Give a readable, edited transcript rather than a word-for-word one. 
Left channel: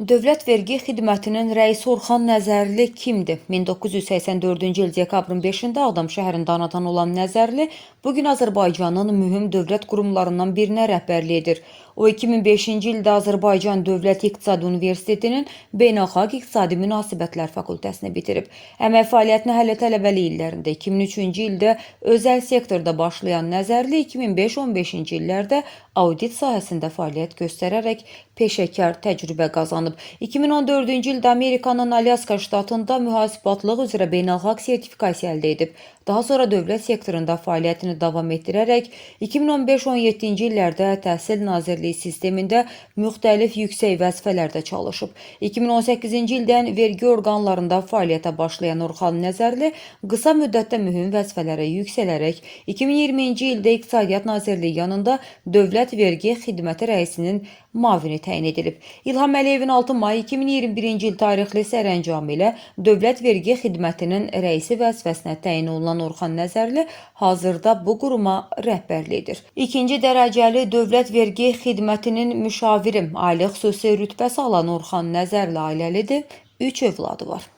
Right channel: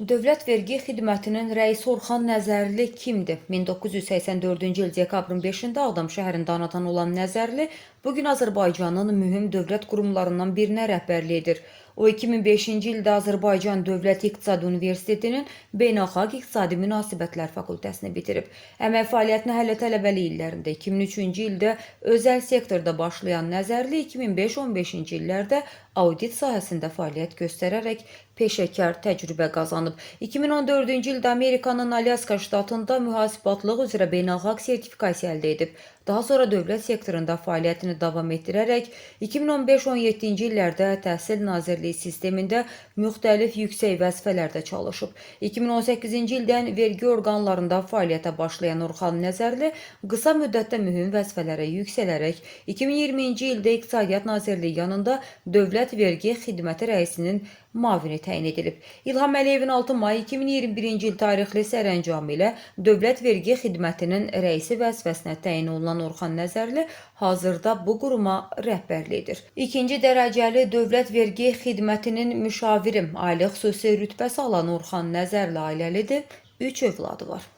Dövlət Vergi Xidmətinin rəisi Orxan Nəzərli kimdir? 1984-cü il dekabrın 5-də Ağdam şəhərində anadan olan Nəzərli bugün Azərbaycanın mühüm dövlət qurumlarından birinə rəhbərlik edir. O 2005-ci ildə Azərbaycan Dövlət İqtisadi Universitetinin Beynəlxalq İqtisadi Münasibətlər fakültəsini bitirib. Əmək fəaliyyətinə hələ tələbəlik illərində 2003-cü ildə özəl sektorda başlayan Nəzərli 2005-15-ci illərdə audit sahəsində fəaliyyət göstərərək peşəkar təcrübə qazanıb. 2014-cü ildə Amerikanın Alyaska ştatında mühasibatlıq üzrə beynəlxalq sertifikasiya əldə edib. Daha sonra dövlət sektorunda fəaliyyətini davam etdirərək 2015-17-ci illərdə Təhsil Nazirliyi sistemində müxtəlif yüksək vəzifələrdə çalışıb. 2018-ci ildən vergi orqanlarında fəaliyyətə başlayan Orxan Nəzərli qısa müddətdə mühüm vəzifələrə yüksələrək 2020-ci ildə İqtisadiyyat Nazirliyi yanında Dövlət Vergi Xidməti rəisinin müavini təyin edilib. İlham Əliyevin 6 may 2021-ci il tarixli sərəncamı ilə Dövlət Vergi Xidmətinin rəisi vəzifəsinə təyin olunan Orxan Nəzərli hazırda bu quruma rəhbərlik edir. İkinci dərəcəli Dövlət Vergi Xidmətinin müşaviri, ali xüsusi rütbəsi alan Orxan Nəzərli ailəlidir, 3 övladı var.